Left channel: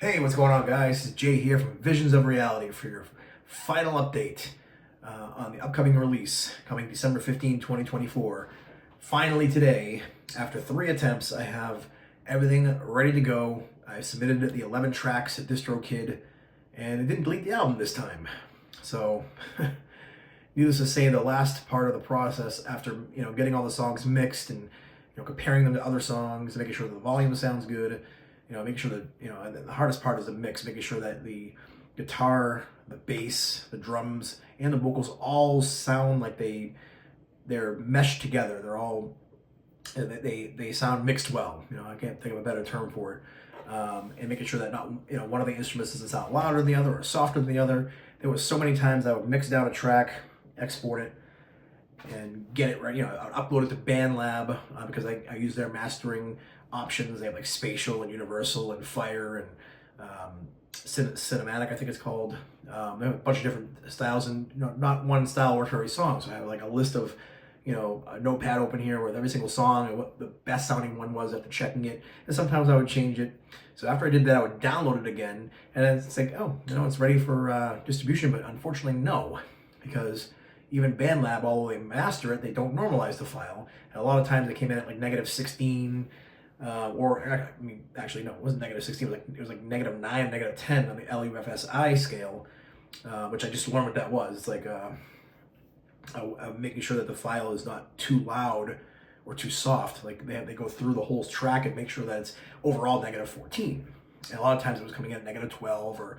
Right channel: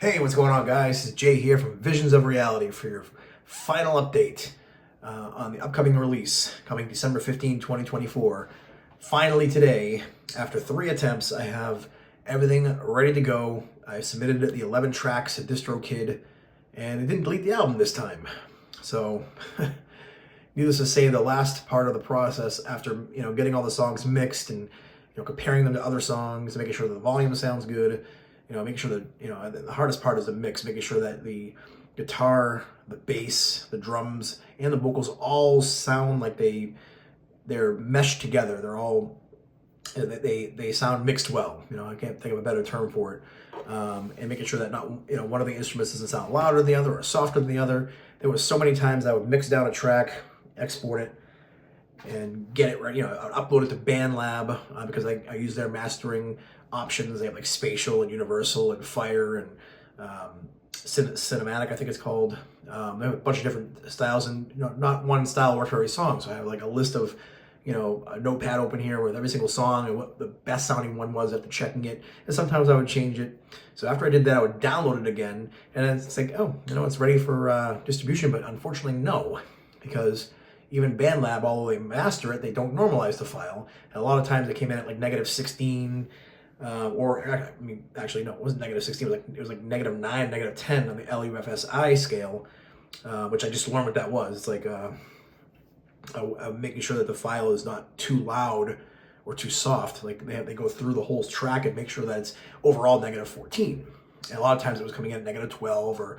Hey, what's going on, guys? It's Jay here from Visions of Reality for your final update on the upcoming release coming December 15, 2024. Finally, today, after 3 attempts, I have everything ready to go. I submitted the 11 tracks to DistroKid, and it didn't delete the album this time. So, needless to say, the last part of the process, after getting all the songs mixed and comparing them to other songs, and making sure that the volume sounds good, making sure that, the hardest part is the mix, making sure that the guitar, the bass, the drums, and the vocals all sound like they're meshed together. They're all, they sound mixed well. I can't think of a better term for it. And making sure that not, one of the instruments doesn't sound louder than the other or softer than the other. There was so many times I would mix down a track, export it, and get it right. I would upload it to BandLab because I use their mastering options. They have like Spatial and Universal and Fire and Cinematic, I think it's called. They have a bunch of different styles, and not one style works for every song. So I have like a list of, a notepad open here with every single song and what the best sounding one was after checking it. And sometimes I would change it. So after I did that, I would download it again, and then it's like, oh, it's ready for distribution. But unfortunately, no, because even BandLab, although they master it, they don't normalize the file. And a lot of times it came in at like -16, actually no, it wasn't -16. It was like -9, -10 on the LUFSI scale, which I just learned what that was. It's like making sure that the file is not too loud or too soft. Like they go through the whole track and make sure that it's overall -14. And a lot of times it was coming in at -12 or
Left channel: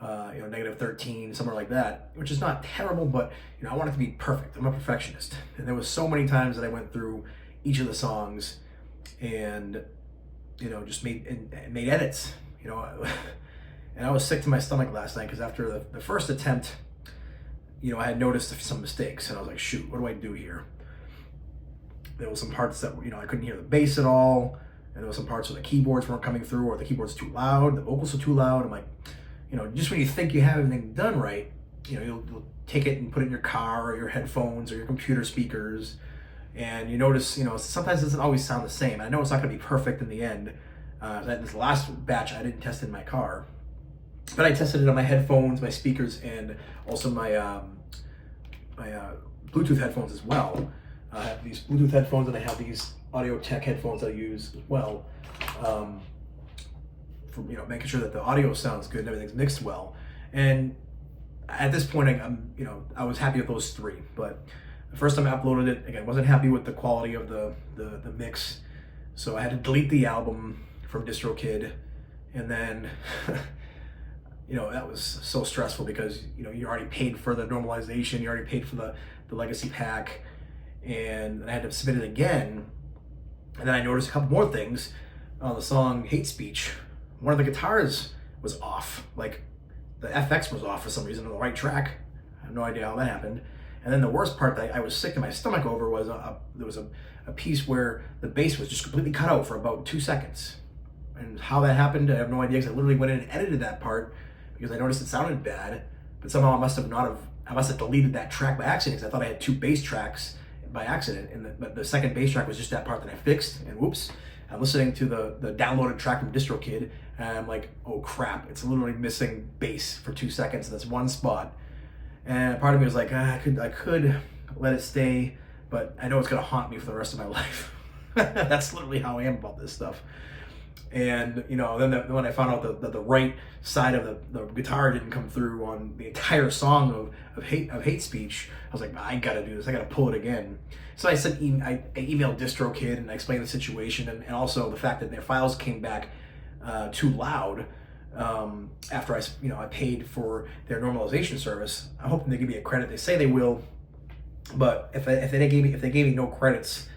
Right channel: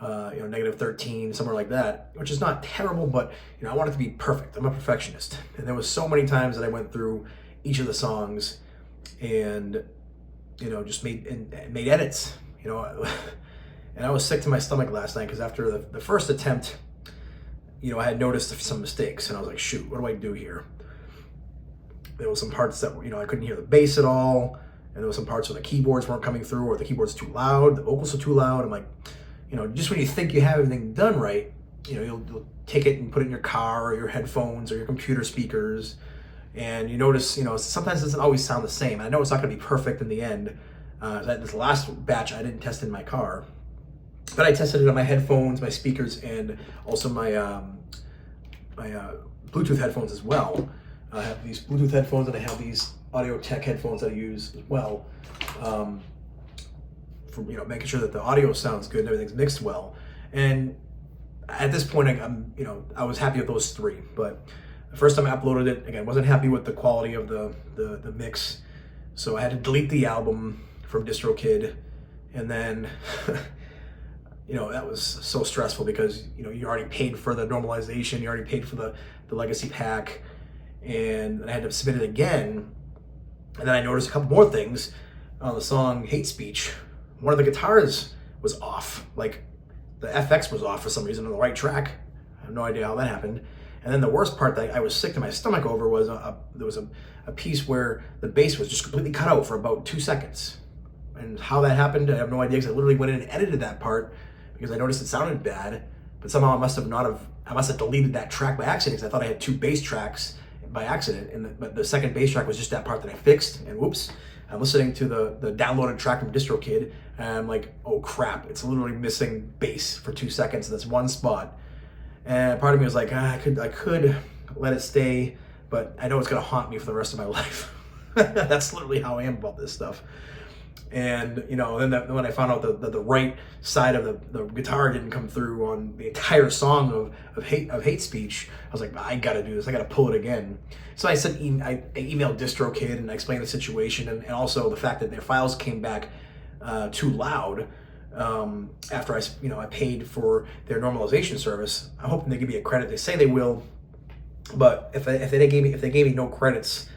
-13, somewhere like that, which is not terrible, but I want it to be perfect. I'm a perfectionist, and there was so many times that I went through each of the songs and just made edits, and I was sick to my stomach last night because after the first attempt, I had noticed some mistakes, and I was like, shoot, what do I do here? There was some parts that I couldn't hear the bass at all, and there was some parts where the keyboards weren't coming through, or the keyboards too loud, the vocals are too loud. I'm like, just when you think you have everything done right, you'll take it and put it in your car or your headphones or your computer speakers, and you notice, sometimes it doesn't always sound the same. I know it's not going to be perfect in the end. This last batch I didn't test in my car, but I tested it on my headphones, my speakers, and also my Bluetooth headphones as well. I have these Bluetooth headphones, and I have these Audio Tech headphones that I use as well. For making sure that the audio sounds good and everything's mixed well. And at this point, I was happy with those 3. But the first time I uploaded it, again, wasn't happy with the quality of the mix, so I had to delete the album from DistroKid, and then that was so stressful because you already paid for the normalization, you already paid for the legacy pack, and I had to submit it again. And then I noticed a couple more things on the song Hate Speech. One of the guitars was off, like the FX was off for some reason on the right track. I have no idea how that happened. And then the worst part that I was sick to my stomach over was there was a piece where the bass was just completely cut out for about 2 seconds. And how that happened, I have no idea, because I literally went in and edited that part because I noticed it sounded bad, but somehow I must have deleted that track by accident, because I thought I had 2 bass tracks by accident, but the second bass track was just that part that I fixed, and whoops. I'm listening to the downloaded track from DistroKid, and I'm like, oh crap, it's literally missing bass for 2 seconds in this one spot. And part of me was like, I could let it stay, but I know it's gonna haunt me for the rest of my life. That's literally how I am about this stuff. And then when I found out that the right side of the guitar didn't come through on the entire song of hate speech, I was like, I gotta do this. I gotta pull it again. So I emailed DistroKid and I explained the situation, and also the fact that their files came back too loud after I paid for their normalization service. I'm hoping they give me a credit. They say they will, but if they gave me no credits,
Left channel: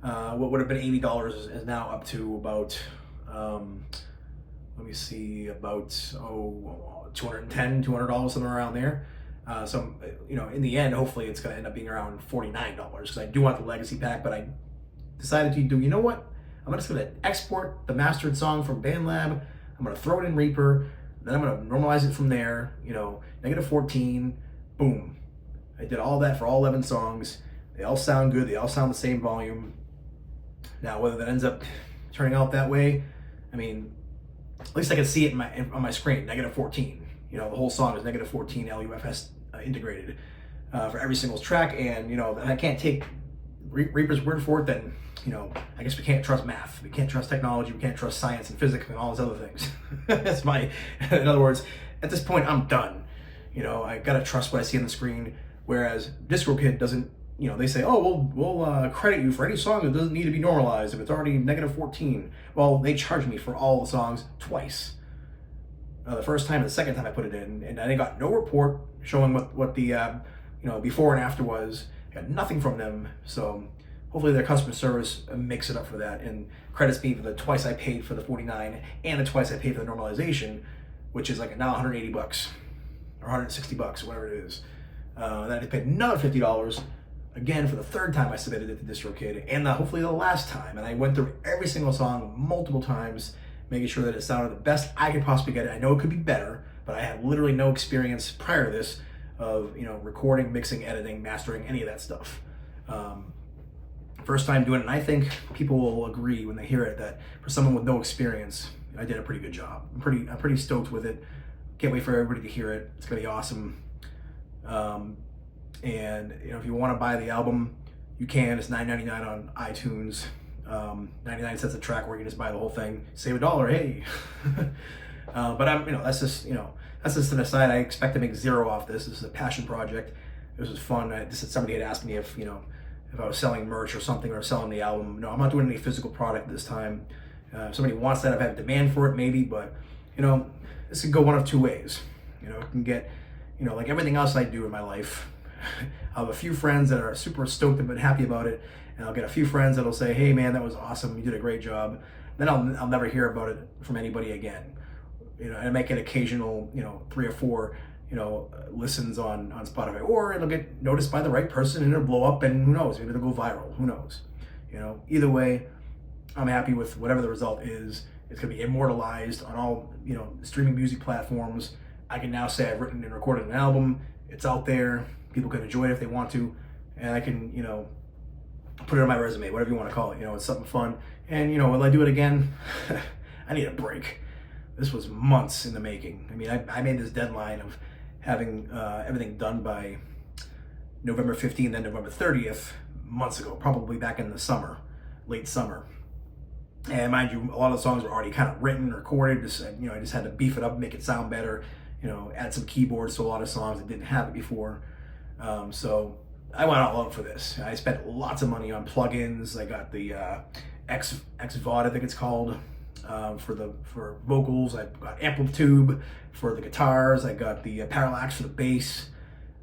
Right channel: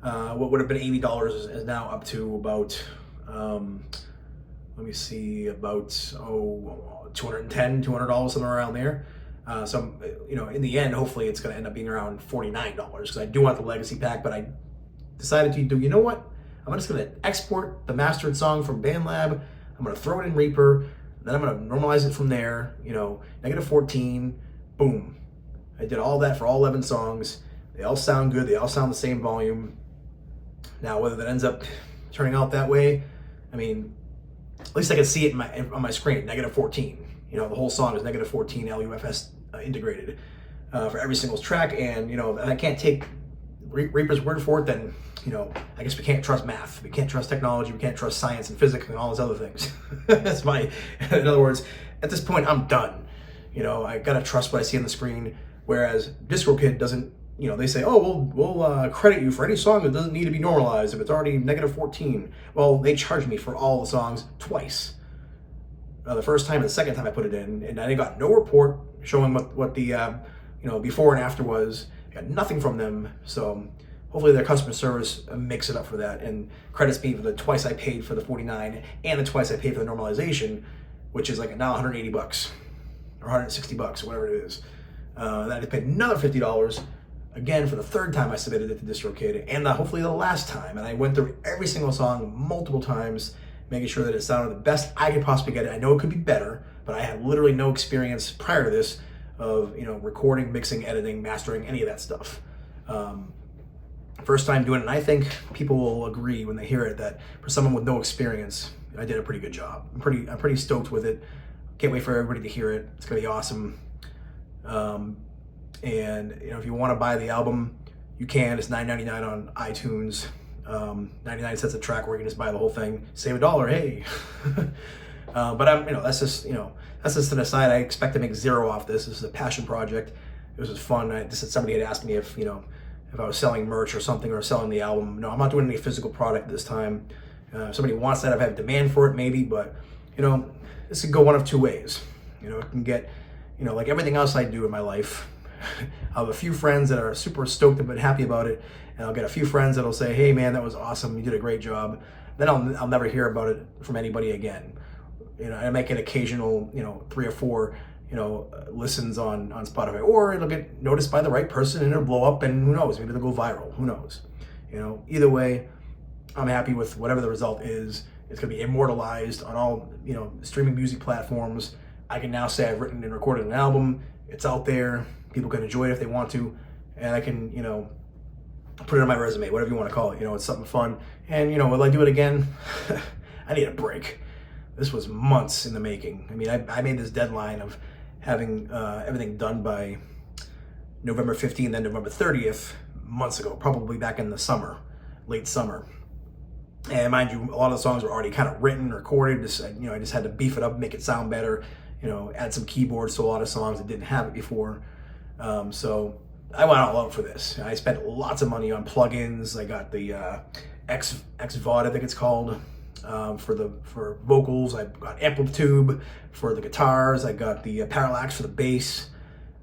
what would have been $80 is now up to about let me see, about $210, somewhere around there. So in the end, hopefully it's going to end up being around $49, because I do want the legacy pack. But I decided to do, you know what? I'm just going to export the mastered song from BandLab. I'm going to throw it in Reaper. Then I'm going to normalize it from there. -14, boom. I did all that for all 11 songs. They all sound good. They all sound the same volume. Now, whether that ends up turning out that way, I mean, at least I can see it on my screen, -14. You know, the whole song is -14 LUFS integrated for every single track, and you know, I can't take Reaper's word for it. Then you know, I guess we can't trust math, we can't trust technology, we can't trust science and physics and all those other things. That's in other words, at this point, I'm done. You know, I gotta trust what I see on the screen. Whereas DistroKid doesn't. You know, they say, oh, we'll credit you for any song that doesn't need to be normalized if it's already -14. Well, they charged me for all the songs twice. The first time and the second time I put it in, and I got no report showing what the you know, before and after was. I got nothing from them, so hopefully their customer service makes it up for that and credits me for the twice I paid for the 49 and the twice I paid for the normalization, which is like now $180 or $160 or whatever it is. Then I paid another $50 again for the third time I submitted it to DistroKid, and hopefully the last time. And I went through every single song multiple times, making sure that it sounded the best I could possibly get it. I know it could be better, but I had literally no experience prior to this of, you know, recording, mixing, editing, mastering, any of that stuff. First time doing it, and I think people will agree when they hear it that for someone with no experience, I did a pretty good job. I'm pretty stoked with it. Can't wait for everybody to hear it. It's gonna be awesome. And you know, if you want to buy the album, you can. It's $9.99 on iTunes. 99 cents a track, where you can just buy the whole thing, save $1. Hey, but I'm, you know, that's just an aside. I expect to make zero off this. This is a passion project. This was fun. Somebody had asked me if, you know, if I was selling merch or something, or selling the album. No, I'm not doing any physical product this time. If somebody wants that, I've had demand for it maybe, but you know, this could go one of two ways. You know, it can get, you know, like everything else I do in my life. I'll have a few friends that are super stoked and happy about it, and I'll get a few friends that'll say, hey man, that was awesome, you did a great job. Then I'll never hear about it from anybody again. You know, I make an occasional, you know, 3 or 4, you know, listens on Spotify, or it'll get noticed by the right person and it'll blow up, and who knows, maybe it'll go viral, who knows. You know, either way, I'm happy with whatever the result is. It's gonna be immortalized on all, you know, streaming music platforms. I can now say I've written and recorded an album. It's out there. People can enjoy it if they want to, and I can, you know, put it on my resume, whatever you want to call it. You know, it's something fun. And you know, will I do it again? I need a break. This was months in the making. I mean, I made this deadline of having everything done by November 15th and November 30th months ago, probably back in the summer, late summer. And mind you, a lot of the songs were already kind of written, recorded. You know, I just had to beef it up, make it sound better. You know, add some keyboards to a lot of songs that didn't have it before. So I went all out for this. I spent lots of money on plugins. I got the XVOD, I think it's called, for vocals. I got Amplitube for the guitars. I got the Parallax for the bass.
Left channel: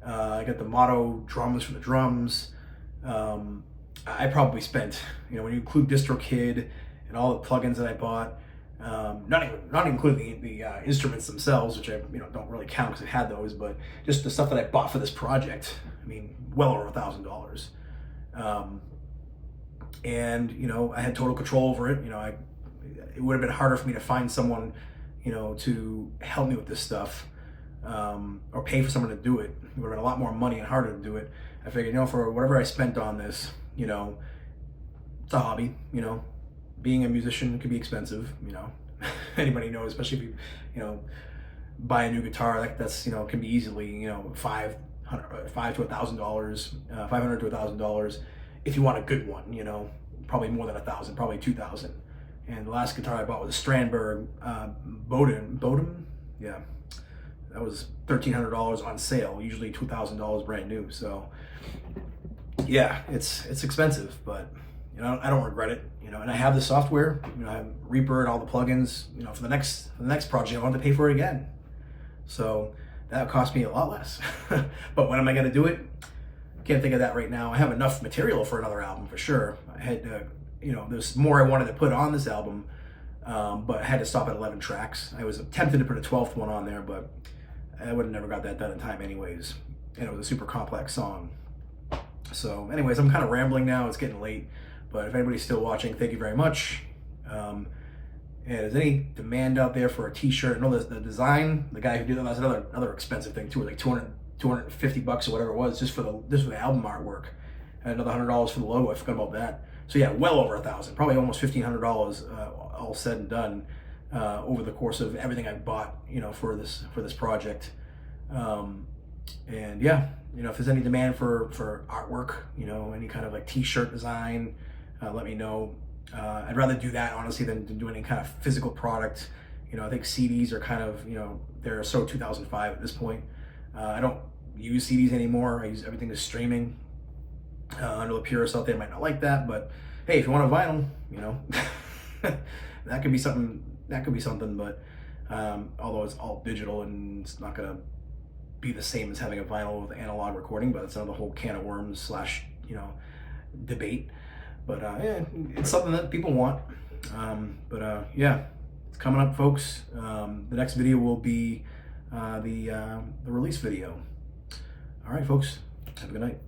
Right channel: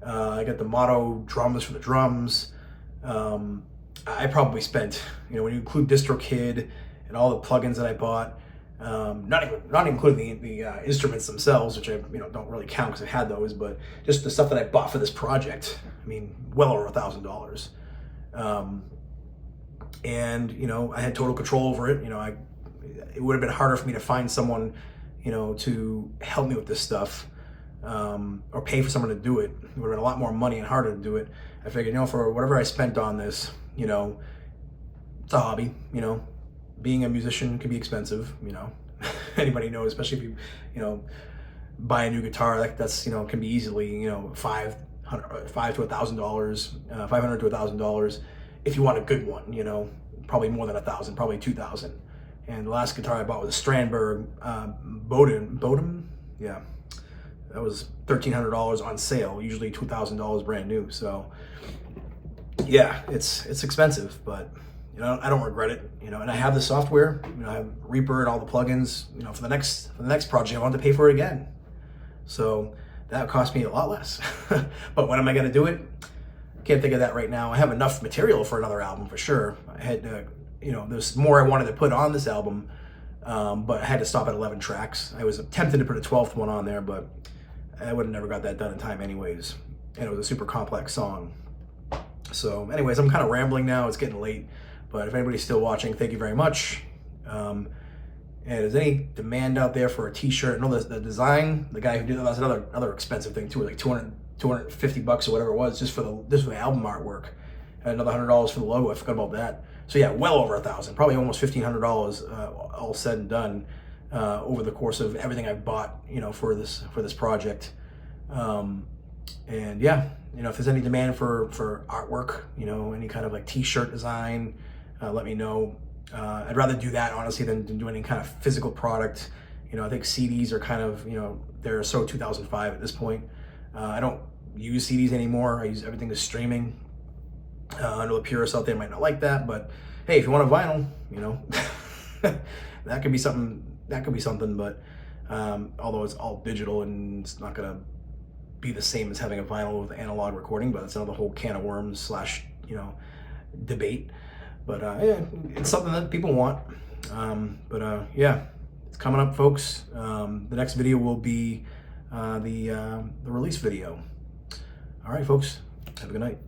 I got the Moto drums for the drums. I probably spent, you know, when you include DistroKid and all the plugins that I bought, not including the instruments themselves, which I, you know, don't really count because I had those, but just the stuff that I bought for this project. I mean, well over $1,000. And you know, I had total control over it. You know, it would have been harder for me to find someone, you know, to help me with this stuff, or pay for someone to do it. It would have been a lot more money and harder to do it. I figured, you know, for whatever I spent on this, you know, it's a hobby. You know, being a musician can be expensive, you know. Anybody knows, especially if you know, buy a new guitar, that's, you know, can be easily, you know, $500 to $1,000, $500 to $1,000 if you want a good one, you know, probably more than 1,000, probably 2,000. And the last guitar I bought was a Strandberg Bodum, yeah, that was $1,300 on sale, usually $2,000 brand new. So yeah, it's expensive, but you know, I don't regret it, you know, and I have the software, you know, I have Reaper and all the plugins, you know, for the next project, I wanted to pay for it again. So that cost me a lot less. But when am I going to do it? Can't think of that right now. I have enough material for another album for sure. I had, you know, there's more I wanted to put on this album, but I had to stop at 11 tracks. I was tempted to put a 12th one on there, but I would have never got that done in time anyways. And it was a super complex song. So anyways, I'm kind of rambling now. It's getting late. But if anybody's still watching, thank you very much. And is any demand out there for a t-shirt? I know the design, the guy who did that's another expensive thing too, like $250 or whatever it was, just for the album artwork. And another $100 for the logo. I forgot about that. So yeah, well over 1,000, probably almost $1,500 all said and done. over the course of everything I've bought, for this project. And yeah, if there's any demand for artwork, any kind of like t-shirt design, let me know. I'd rather do that honestly than do any kind of physical product. I think CDs are kind of, they're so 2005 at this point. I don't use CDs anymore. I use everything is streaming. I know the purists out there might not like that, but hey, if you want a vinyl, that could be something. But although it's all digital and it's not gonna be the same as having a vinyl with analog recording, but it's another whole can of worms / debate. But yeah, it's something that people want. Yeah, it's coming up, folks. The next video will be the release video. All right, folks. Have a good night.